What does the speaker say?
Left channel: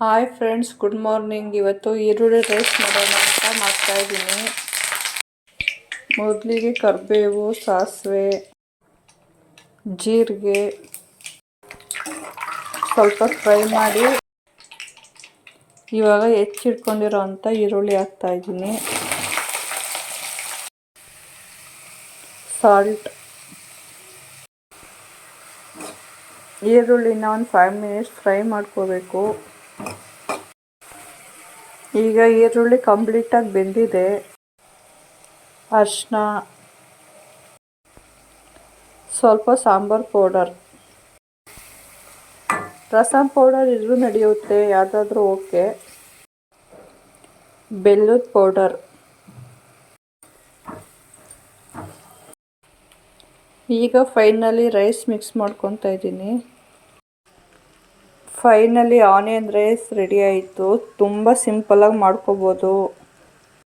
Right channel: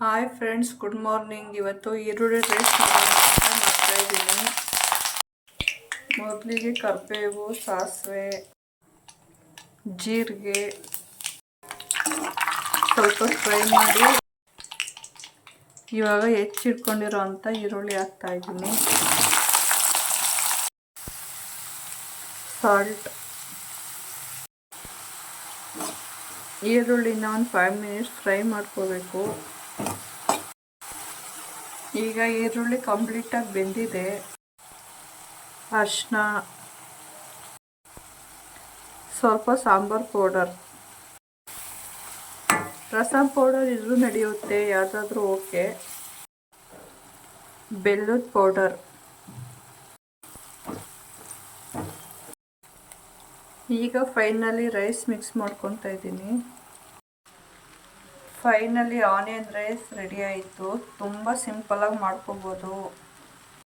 Hi friends, good morning. ಇವತ್ತು ಈರುಳ್ಳಿ rice ಮಾಡೋಣ ಅಂತ ಮಾಡ್ತಾಯಿದ್ದೀನಿ. ಮೊದಲಿಗೆ ಕರಿಬೇವು, ಸಾಸಿವೆ, ಜೀರಿಗೆ ಸ್ವಲ್ಪ ಫ್ರೈ ಮಾಡಿ ಇವಾಗ ಹೆಚ್ಚಿಟ್ಕೊಂಡಿರೋ ಅಂಥ ಈರುಳ್ಳಿ ಹಾಕ್ತಾಯಿದ್ದೀನಿ. ಸಾಲ್ಟ್, ಈರುಳ್ಳಿನ ಒಂದು 5 ಮಿನಿಟ್ಸ್ ಫ್ರೈ ಮಾಡ್ಕೋಬೇಕು. ಈಗ ಈರುಳ್ಳಿ ಕಂಪ್ಲೀಟಾಗಿ ಬೆಂದಿದೆ. ಅರಿಶಿನ, ಸ್ವಲ್ಪ ಸಾಂಬಾರು ಪೌಡರ್, ರಸಮ್ ಪೌಡರ್ ಇದ್ರೂ ನಡೆಯುತ್ತೆ, ಯಾವುದಾದ್ರೂ ಓಕೆ. ಬೆಲ್ಲದ ಪೌಡರ್, ಈಗ ಫೈನಲಿ ರೈಸ್ ಮಿಕ್ಸ್ ಮಾಡ್ಕೊತಾ ಇದ್ದೀನಿ. ಫೈನಲಿ ಆನಿಯನ್ ರೈಸ್ ರೆಡಿ ಆಯಿತು. ತುಂಬ ಸಿಂಪಲಾಗಿ ಮಾಡ್ಕೋಬೋದು.